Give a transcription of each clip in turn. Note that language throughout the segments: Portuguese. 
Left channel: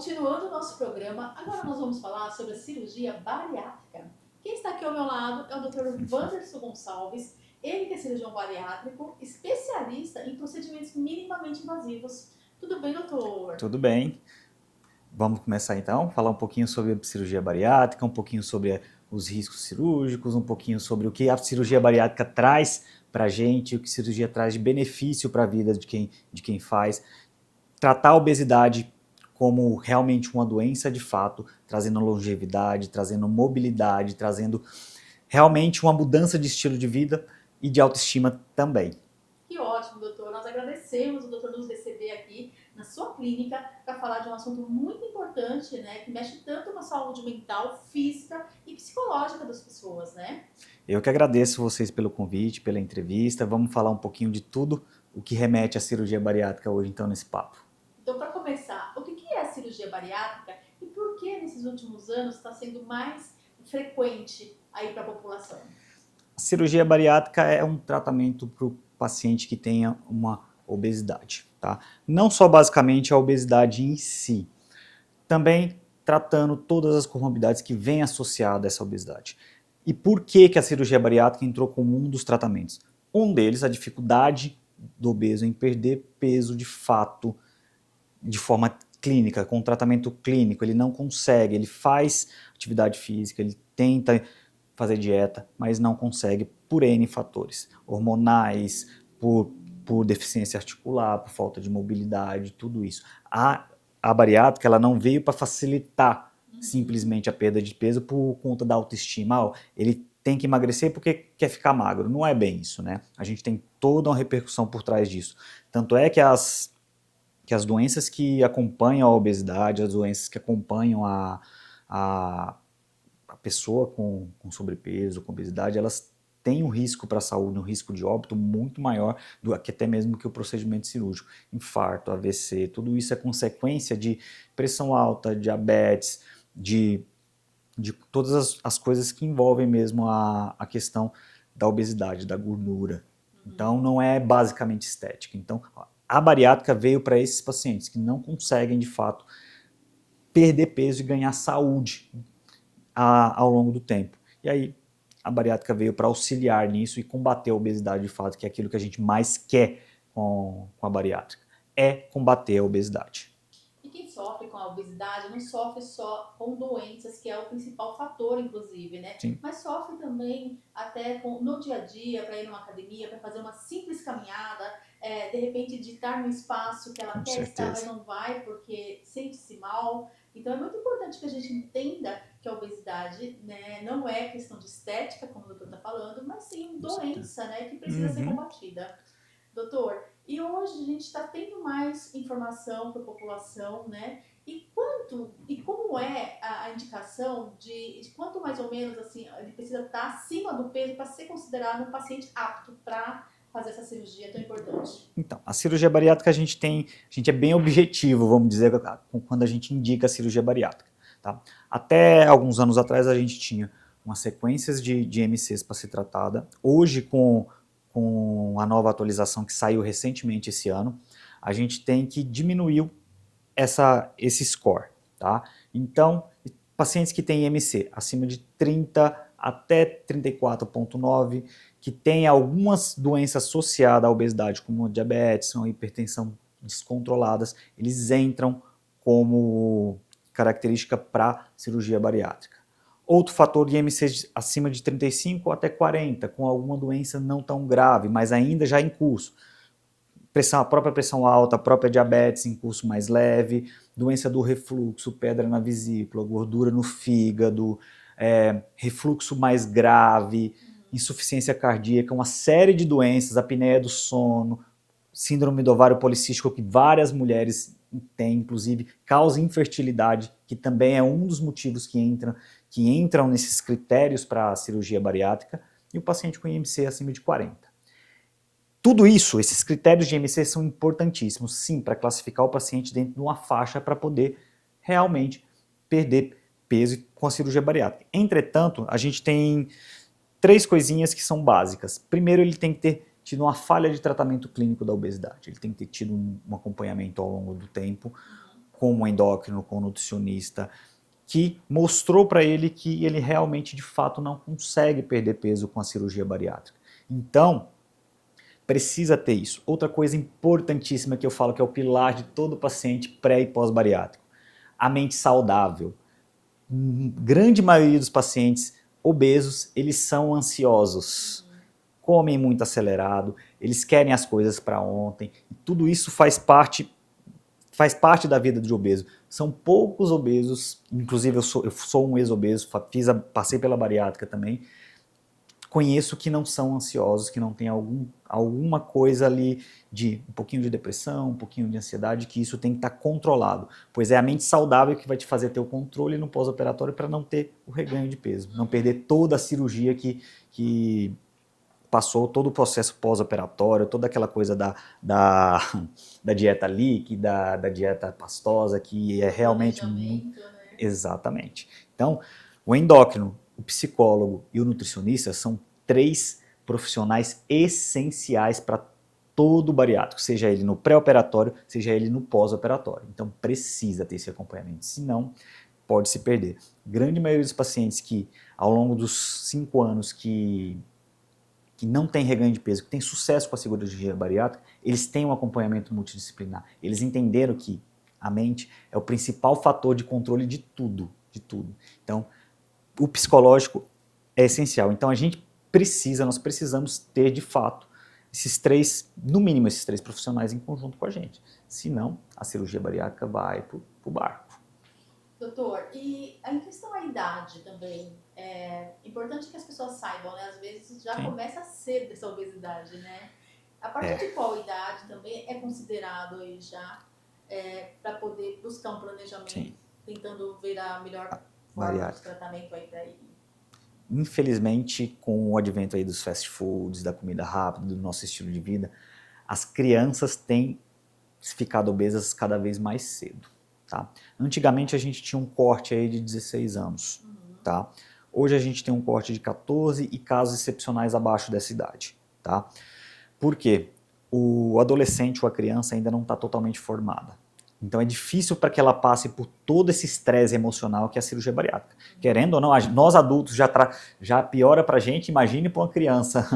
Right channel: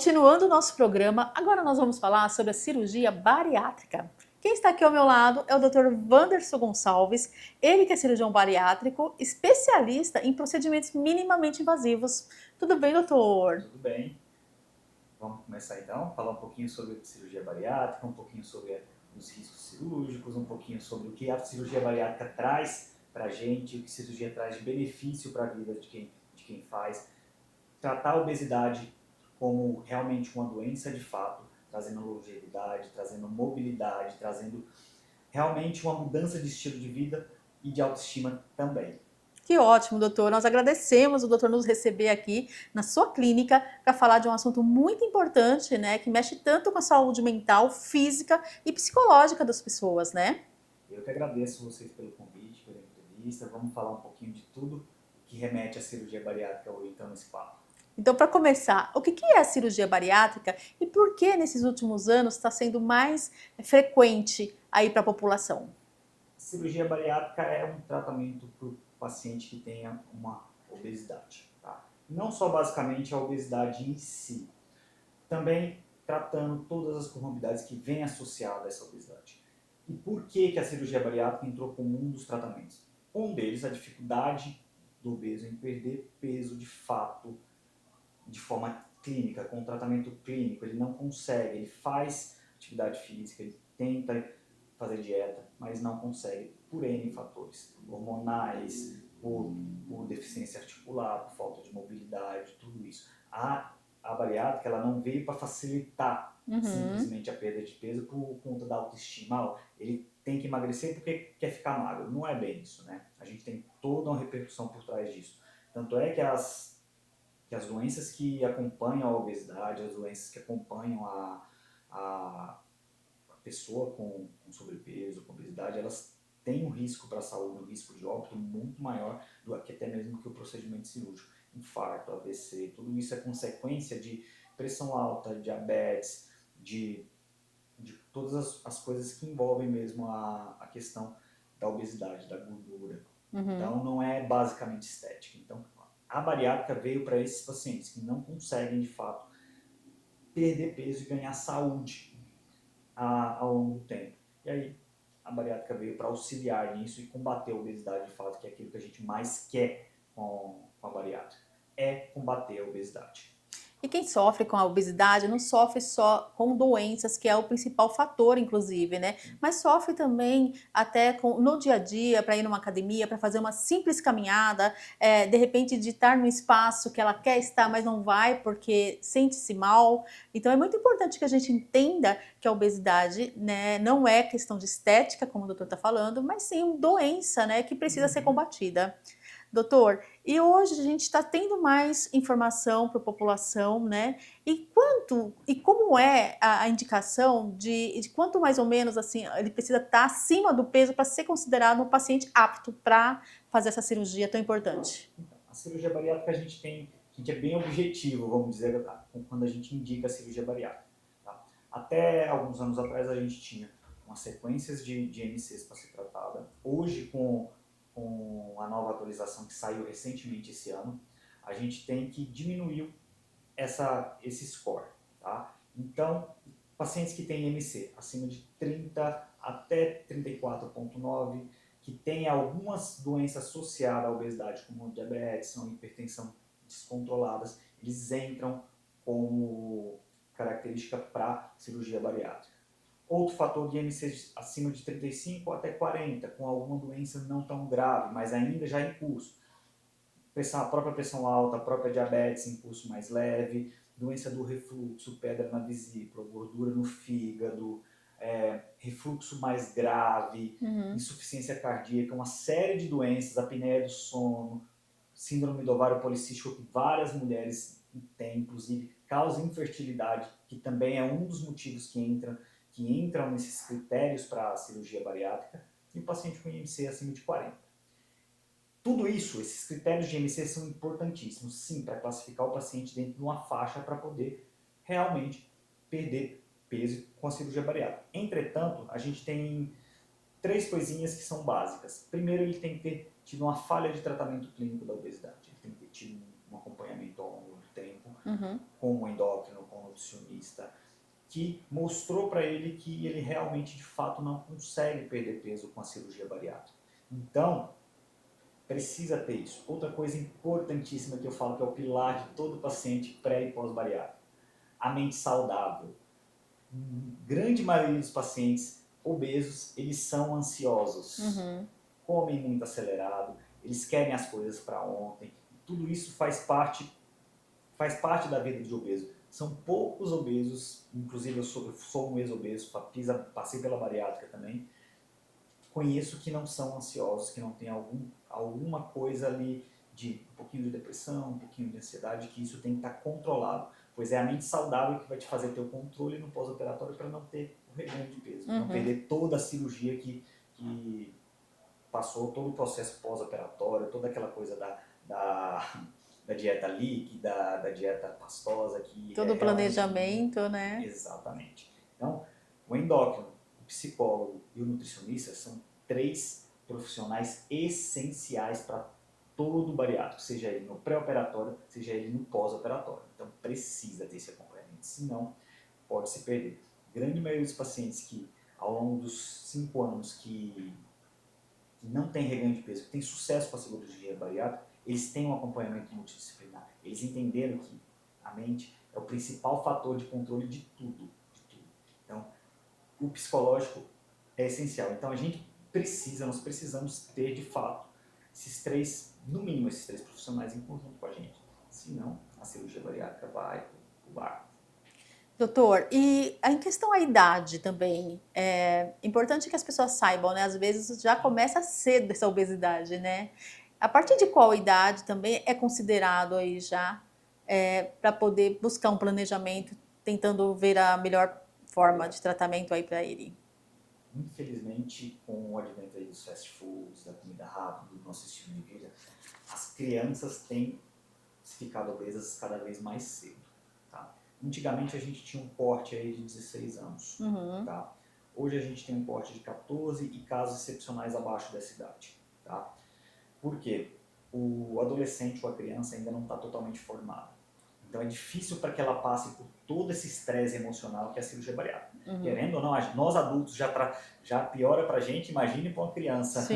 Continuando o nosso programa, agora nós vamos falar sobre a cirurgia bariátrica. Quem está aqui ao meu lado é o Dr. Wanderson Gonçalves, ele que é cirurgião bariátrico, especialista em procedimentos minimamente invasivos. Tudo bem, doutor? Tudo bem. Vamos começar então, falar um pouquinho sobre a cirurgia bariátrica, um pouquinho sobre os riscos cirúrgicos, um pouquinho sobre o que a cirurgia bariátrica traz para a gente, o que a cirurgia traz de benefício para a vida de quem faz. Tratar a obesidade como realmente uma doença de fato, trazendo longevidade, trazendo mobilidade, trazendo realmente uma mudança de estilo de vida e de autoestima também. Que ótimo, doutor. Nós agradecemos o doutor nos receber aqui na sua clínica para falar de um assunto muito importante, né, que mexe tanto com a saúde mental, física e psicológica das pessoas, né? Eu que agradeço vocês pelo convite, pela entrevista. Vamos falar um pouquinho de tudo o que remete à cirurgia bariátrica hoje, então, nesse papo. Então, para começar, o que é a cirurgia bariátrica e por que nesses últimos anos está sendo mais frequente aí para a população? A cirurgia bariátrica é um tratamento para o paciente que tenha uma obesidade, tá? Não só basicamente a obesidade em si, também tratando todas as comorbidades que vêm associadas a essa obesidade. E por que a cirurgia bariátrica entrou como um dos tratamentos? Um deles, a dificuldade do obeso em perder peso de fato, de forma clínica, com tratamento clínico. Ele não consegue, ele faz atividade física, ele tenta fazer dieta, mas não consegue por N fatores, hormonais, por deficiência articular, por falta de mobilidade, tudo isso. A bariátrica ela não veio para facilitar Uhum. simplesmente a perda de peso por conta da autoestima. Ele tem que emagrecer porque quer ficar magro. Não é bem isso, né? A gente tem toda uma repercussão por trás disso. Tanto é que as doenças que acompanham a obesidade, as doenças que acompanham a, a pessoa com sobrepeso, com obesidade, elas têm um risco para a saúde, um risco de óbito muito maior do que até mesmo que o procedimento cirúrgico. Infarto, AVC, tudo isso é consequência de pressão alta, diabetes, de todas as coisas que envolvem mesmo a questão da obesidade, da gordura. Uhum. Então, não é basicamente estética. Então, a bariátrica veio para esses pacientes que não conseguem, de fato, perder peso e ganhar saúde ao longo do tempo. E aí, a bariátrica veio para auxiliar nisso e combater a obesidade de fato, que é aquilo que a gente mais quer com a bariátrica, é combater a obesidade. E quem sofre com a obesidade não sofre só com doenças, que é o principal fator, inclusive, né? Sim, Mas sofre também até no dia a dia, para ir numa academia, para fazer uma simples caminhada, de repente de estar no espaço que ela com quer estar, mas certeza. não vai porque sente-se mal. Então é muito importante que a gente entenda que a obesidade, né, não é questão de estética, como o doutor está falando, mas sim Com certeza. doença, né, que precisa ser Uhum. combatida. Doutor, e hoje a gente está tendo mais informação para a população, né? E como é a indicação de quanto mais ou menos assim ele precisa estar acima do peso para ser considerado um paciente apto para fazer essa cirurgia tão importante? Então, a cirurgia bariátrica a gente é bem objetivo, vamos dizer, quando a gente indica a cirurgia bariátrica. Tá? Até alguns anos atrás a gente tinha umas sequências de MCs para ser tratada. Hoje, com a nova atualização que saiu recentemente esse ano, a gente tem que diminuir esse score. Tá? Então, pacientes que têm MC acima de 30 até 34,9, que têm algumas doenças associadas à obesidade, como diabetes ou hipertensão descontroladas, eles entram como característica para cirurgia bariátrica. Outro fator de IMC acima de 35 até 40, com alguma doença não tão grave, mas ainda já em curso. A própria pressão alta, a própria diabetes em curso mais leve, doença do refluxo, pedra na vesícula, gordura no fígado, refluxo mais grave, Uhum. insuficiência cardíaca, uma série de doenças, apneia do sono, síndrome do ovário policístico que várias mulheres têm, inclusive causa infertilidade, que também é um dos motivos que entram nesses critérios para a cirurgia bariátrica, e o paciente com IMC acima de 40. Tudo isso, esses critérios de IMC são importantíssimos, sim, para classificar o paciente dentro de uma faixa para poder realmente perder peso com a cirurgia bariátrica. Entretanto, a gente tem três coisinhas que são básicas. Primeiro, ele tem que ter tido uma falha de tratamento clínico da obesidade. Ele tem que ter tido um acompanhamento ao longo do tempo, com um endócrino, com um nutricionista, que mostrou para ele que ele realmente, de fato, não consegue perder peso com a cirurgia bariátrica. Então, precisa ter isso. Outra coisa importantíssima que eu falo que é o pilar de todo paciente pré e pós-bariátrico, a mente saudável. Grande maioria dos pacientes obesos, eles são ansiosos, comem muito acelerado, eles querem as coisas para ontem, e tudo isso faz parte da vida de obeso. São poucos obesos, inclusive eu sou um ex-obeso, passei pela bariátrica também, conheço que não são ansiosos, que não tem alguma coisa ali de um pouquinho de depressão, um pouquinho de ansiedade, que isso tem que estar controlado, pois é a mente saudável que vai te fazer ter o controle no pós-operatório para não ter o reganho de peso, não perder toda a cirurgia que passou, todo o processo pós-operatório, toda aquela coisa da dieta líquida, da dieta pastosa, que todo é o realmente... planejamento, né? Exatamente. Então, o endócrino, o psicólogo e o nutricionista são 3 profissionais essenciais para todo bariátrico, seja ele no pré-operatório, seja ele no pós-operatório. Então, precisa ter esse acompanhamento, senão pode se perder. Grande maioria dos pacientes que, ao longo dos 5 anos que não tem reganho de peso, que tem sucesso com a cirurgia bariátrica, eles têm um acompanhamento multidisciplinar. Eles entenderam que a mente é o principal fator de controle de tudo, de tudo. Então, o psicológico é essencial. Então, nós precisamos ter, de fato, no mínimo esses 3 profissionais em conjunto com a gente. Senão, a cirurgia bariátrica vai pro barco. Doutor, e em questão à idade também, é importante que as pessoas saibam, né? Às vezes já começa cedo essa obesidade, né? A partir de qual idade também é considerado aí já para poder buscar um planejamento, tentando ver a melhor forma de tratamento aí para ele? Infelizmente, com o advento aí dos fast foods, da comida rápida, do nosso estilo de vida, as crianças têm ficado obesas cada vez mais cedo, tá? Antigamente a gente tinha um corte aí de 16 anos, tá? Hoje a gente tem um corte de 14 e casos excepcionais abaixo dessa idade, tá? Por quê? O adolescente ou a criança ainda não está totalmente formada. Então é difícil para que ela passe por todo esse estresse emocional que é a cirurgia bariátrica. Querendo ou não, nós adultos já piora para a gente, imagine para uma criança,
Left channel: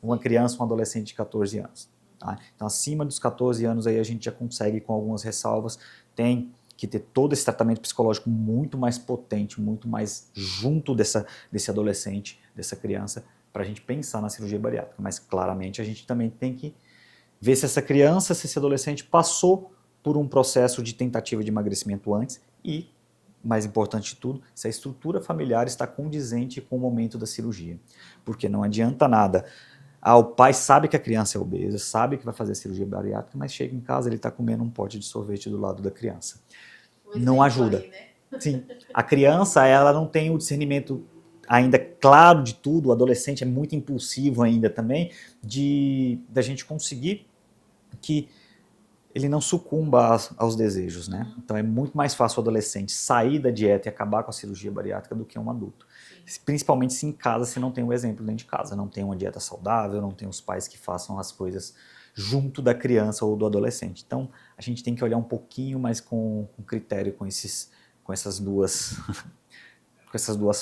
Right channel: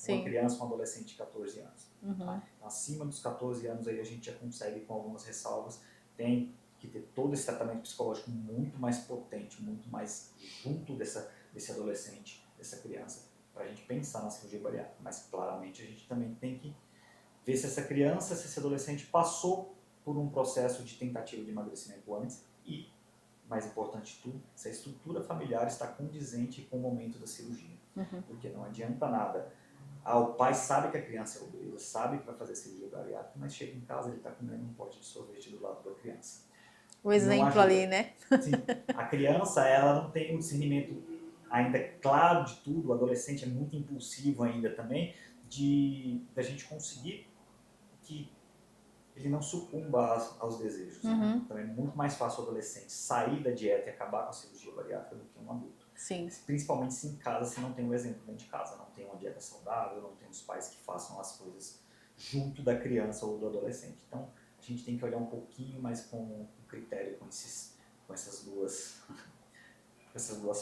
uma criança, um adolescente de 14 anos. Tá? Então acima dos 14 anos aí a gente já consegue, com algumas ressalvas, tem que ter todo esse tratamento psicológico muito mais potente, muito mais junto desse adolescente, dessa criança, para a gente pensar na cirurgia bariátrica. Mas claramente a gente também tem que ver se essa criança, se esse adolescente passou por um processo de tentativa de emagrecimento antes e, mais importante de tudo, se a estrutura familiar está condizente com o momento da cirurgia. Porque não adianta nada. O pai sabe que a criança é obesa, sabe que vai fazer a cirurgia bariátrica, mas chega em casa, ele está comendo um pote de sorvete do lado da criança. O exemplo não ajuda. ali, né? Sim. A criança, ela não tem o discernimento ainda claro de tudo, o adolescente é muito impulsivo ainda também, da gente conseguir que ele não sucumba aos desejos, né? Então é muito mais fácil o adolescente sair da dieta e acabar com a cirurgia bariátrica do que um adulto. Sim. Principalmente se em casa você não tem um exemplo dentro de casa, não tem uma dieta saudável, não tem os pais que façam as coisas junto da criança ou do adolescente. Então a gente tem que olhar um pouquinho mais com critério com essas duas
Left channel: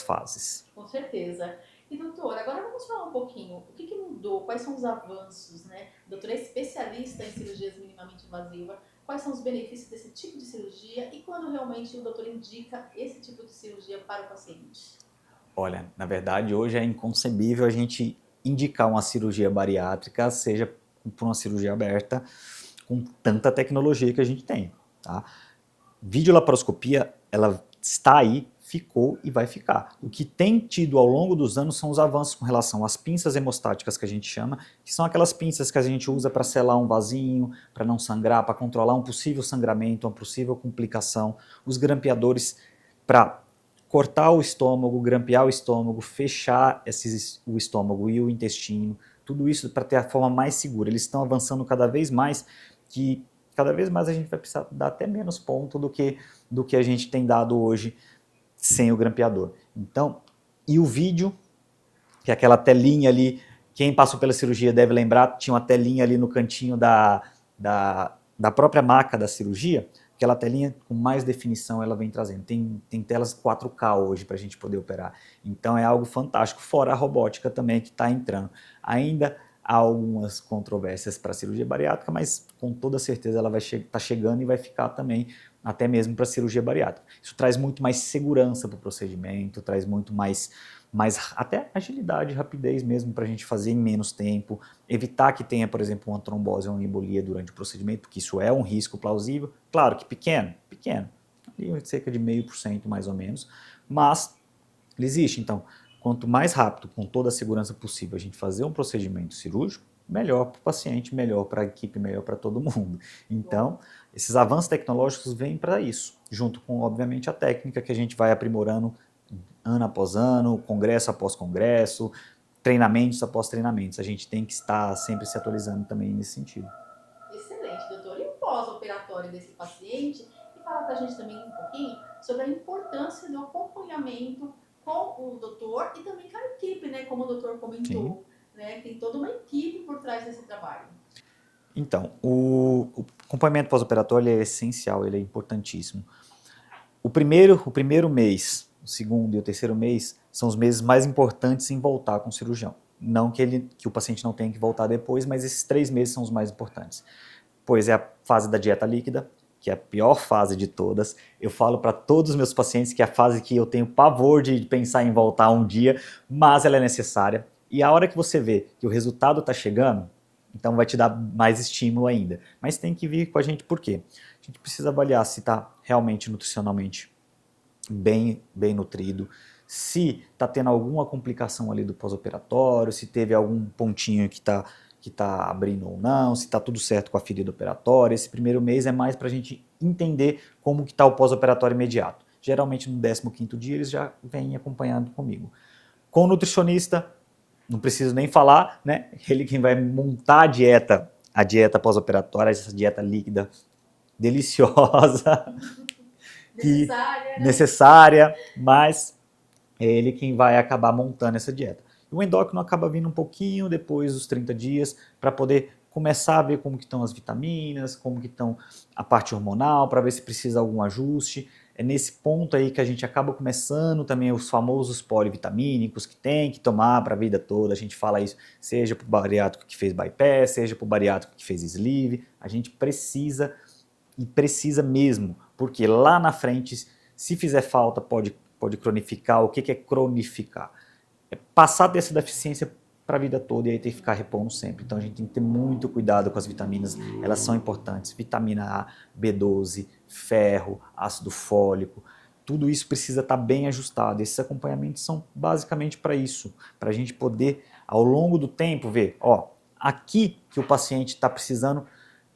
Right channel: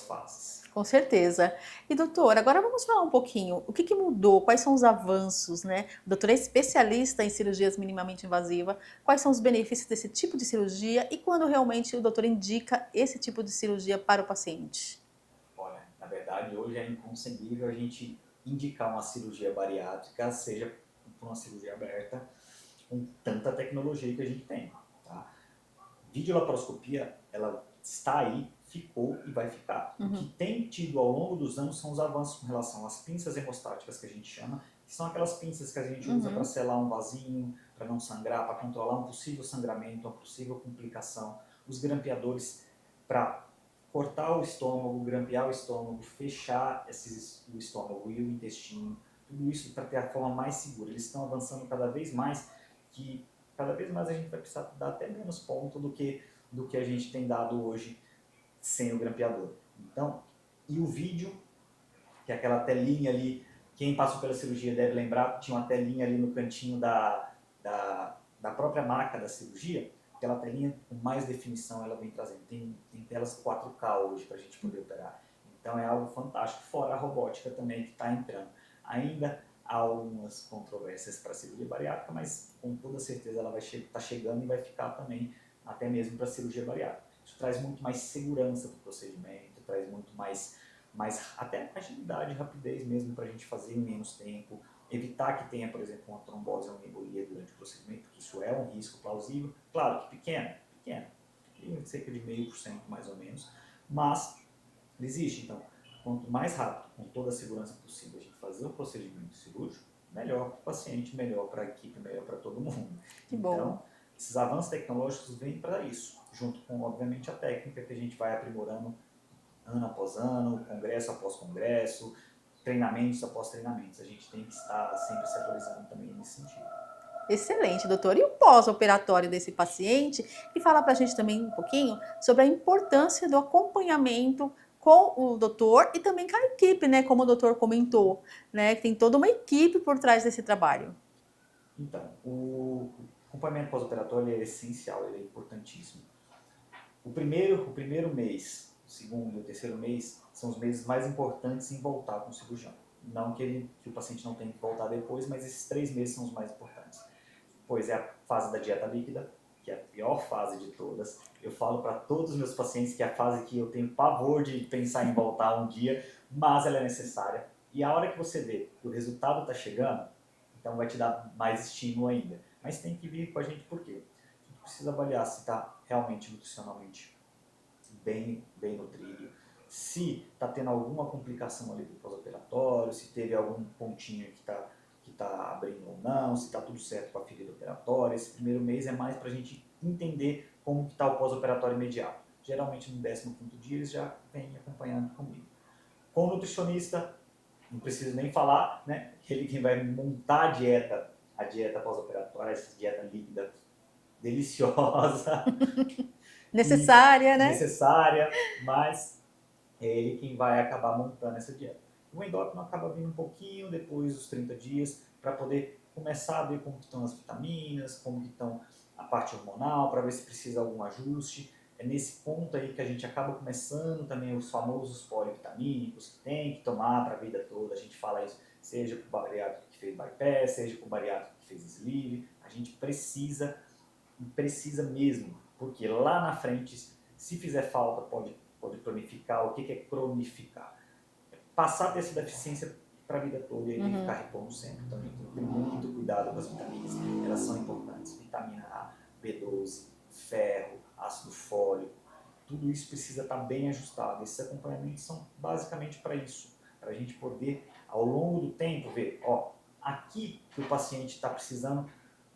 fases. Com certeza. E doutor, agora vamos falar um pouquinho, o que mudou, quais são os avanços, né? O doutor é especialista em cirurgias minimamente invasivas, quais são os benefícios desse tipo de cirurgia e quando realmente o doutor indica esse tipo de cirurgia para o paciente? Olha, na verdade hoje é inconcebível a gente indicar uma cirurgia bariátrica, seja por uma cirurgia aberta, com tanta tecnologia que a gente tem, tá? Videolaparoscopia, ela está aí, ficou e vai ficar. O que tem tido ao longo dos anos são os avanços com relação às pinças hemostáticas, que a gente chama, que são aquelas pinças que a gente usa para selar um vasinho, para não sangrar, para controlar um possível sangramento, uma possível complicação. Os grampeadores para cortar o estômago, grampear o estômago, fechar o estômago e o intestino, tudo isso para ter a forma mais segura. Eles estão avançando cada vez mais, que cada vez mais a gente vai precisar dar até menos ponto do que a gente tem dado hoje sem o grampeador. Então, e o vídeo, que é aquela telinha ali Quem passou pela cirurgia deve lembrar, tinha uma telinha ali no cantinho da própria maca da cirurgia. Aquela telinha com mais definição ela vem trazendo. Tem telas 4K hoje para a gente poder operar. Então é algo fantástico, fora a robótica também que está entrando. Ainda há algumas controvérsias para a cirurgia bariátrica, mas com toda certeza ela vai estar chegando e vai ficar também até mesmo para a cirurgia bariátrica. Isso traz muito mais segurança para o procedimento, traz muito mais até agilidade, rapidez mesmo para a gente fazer em menos tempo, evitar que tenha, por exemplo, uma trombose ou uma embolia durante o procedimento, porque isso é um risco plausível, claro que pequeno, ali cerca de 0,5% mais ou menos, mas ele existe. Então, quanto mais rápido, com toda a segurança possível, a gente fazer um procedimento cirúrgico, melhor para o paciente, melhor para a equipe, melhor para todo mundo. Então, esses avanços tecnológicos vêm para isso, junto com, obviamente, a técnica que a gente vai aprimorando ano após ano, congresso após congresso, treinamentos após treinamentos. A gente tem que estar sempre se atualizando também nesse sentido. Excelente, doutor. E o pós-operatório desse paciente? E fala para a gente também um pouquinho sobre a importância do acompanhamento com o doutor e também com a equipe, né? Como o doutor comentou, né? Tem toda uma equipe por trás desse trabalho. Então, o acompanhamento pós-operatório é essencial, ele é importantíssimo. O primeiro mês, o segundo e o terceiro mês são os meses mais importantes em voltar com o cirurgião. Não que o paciente não tenha que voltar depois, mas esses 3 meses são os mais importantes. Pois é a fase da dieta líquida, que é a pior fase de todas. Eu falo para todos os meus pacientes que é a fase que eu tenho pavor de pensar em voltar um dia, mas ela é necessária. E a hora que você vê que o resultado está chegando, então vai te dar mais estímulo ainda. Mas tem que vir com a gente por quê? A gente precisa avaliar se está realmente nutricionalmente bem nutrido, se está tendo alguma complicação ali do pós-operatório, se teve algum pontinho que está abrindo ou não, se está tudo certo com a ferida operatória. Esse primeiro mês é mais para a gente entender como que está o pós-operatório imediato. Geralmente no 15º dia eles já vêm acompanhando comigo. Com o nutricionista, não preciso nem falar, né? Ele quem vai montar a dieta pós-operatória, essa dieta líquida deliciosa. Necessária, né? Necessária, mas é ele quem vai acabar montando essa dieta. O endócrino acaba vindo um pouquinho depois dos 30 dias para poder começar a ver como que estão as vitaminas, como que estão a parte hormonal, para ver se precisa algum ajuste. É nesse ponto aí que a gente acaba começando também os famosos polivitamínicos que tem que tomar para a vida toda. A gente fala isso, seja para o bariátrico que fez bypass, seja para o bariátrico que fez sleeve. A gente precisa e precisa mesmo, porque lá na frente, se fizer falta, pode cronificar. O que é cronificar? É passar dessa deficiência para a vida toda e aí tem que ficar repondo sempre. Então a gente tem que ter muito cuidado com as vitaminas, elas são importantes. Vitamina A, B12, ferro, ácido fólico, tudo isso precisa estar bem ajustado. Esses acompanhamentos são basicamente para isso, para a gente poder, ao longo do tempo, ver, ó, aqui que o paciente está precisando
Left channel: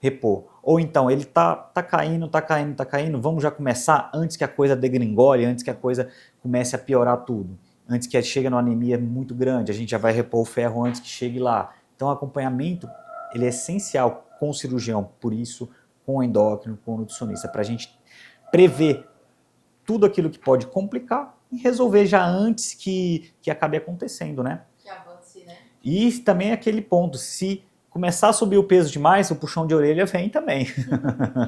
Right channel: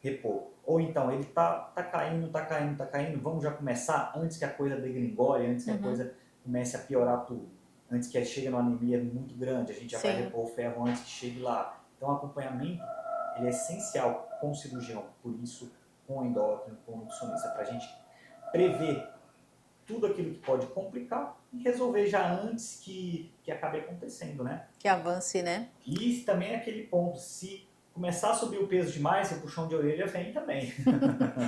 repor. Ou então, ele tá caindo, vamos já começar antes que a coisa degringole, antes que a coisa comece a piorar tudo. Antes que chegue numa anemia muito grande, a gente já vai repor o ferro antes que chegue lá. Então, o acompanhamento, ele é essencial com o cirurgião, por isso, com o endócrino, com o nutricionista, para a gente prever tudo aquilo que pode complicar e resolver já antes que acabe acontecendo, né? Que avance, né? E também aquele ponto, se começar a subir o peso demais, o puxão de orelha vem também.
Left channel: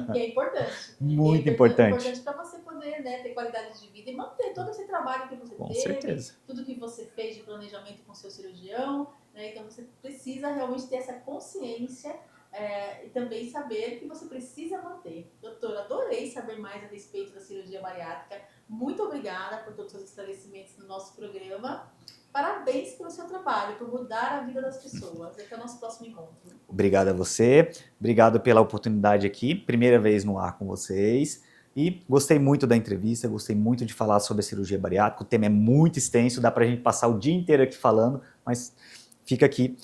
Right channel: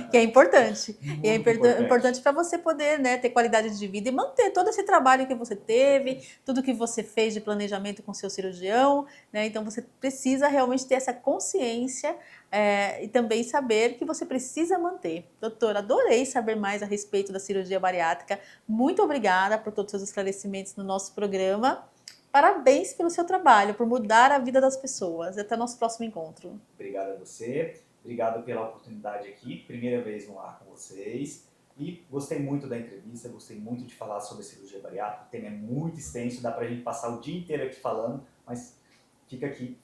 Que é importante. Muito importante para você poder, né, ter qualidade de vida e manter todo esse trabalho que você teve, tudo que você fez de planejamento com seu cirurgião, né? Então você precisa realmente ter essa consciência e também saber que você precisa manter. Doutora, adorei saber mais a respeito da cirurgia bariátrica. Muito obrigada por todos os seus esclarecimentos no nosso programa. Parabéns pelo seu trabalho, por mudar a vida das pessoas. Até o nosso próximo encontro. Obrigado a você, obrigado pela oportunidade aqui, primeira vez no ar com vocês. E gostei muito da entrevista, gostei muito de falar sobre a cirurgia bariátrica. O tema é muito extenso, dá pra gente passar o dia inteiro aqui falando, mas fica aqui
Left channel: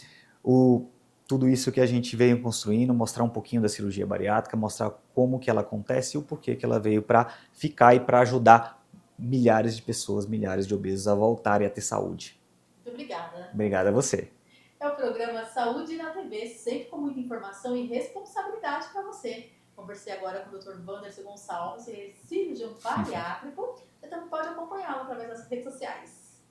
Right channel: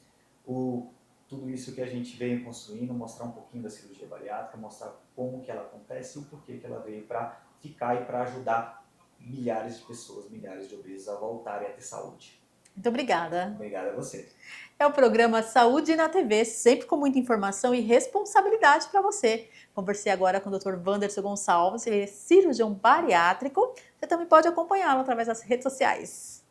tudo isso que a gente veio construindo, mostrar um pouquinho da cirurgia bariátrica, mostrar como que ela acontece e o porquê que ela veio para ficar e para ajudar milhares de pessoas, milhares de obesos a voltarem a ter saúde. Muito obrigada. Obrigado a você. É o programa Saúde na TV, sempre com muita informação e responsabilidade para você. Conversei agora com o Dr. Wanderson Gonçalves, ele é cirurgião bariátrico. Você também pode acompanhá-lo através das redes sociais.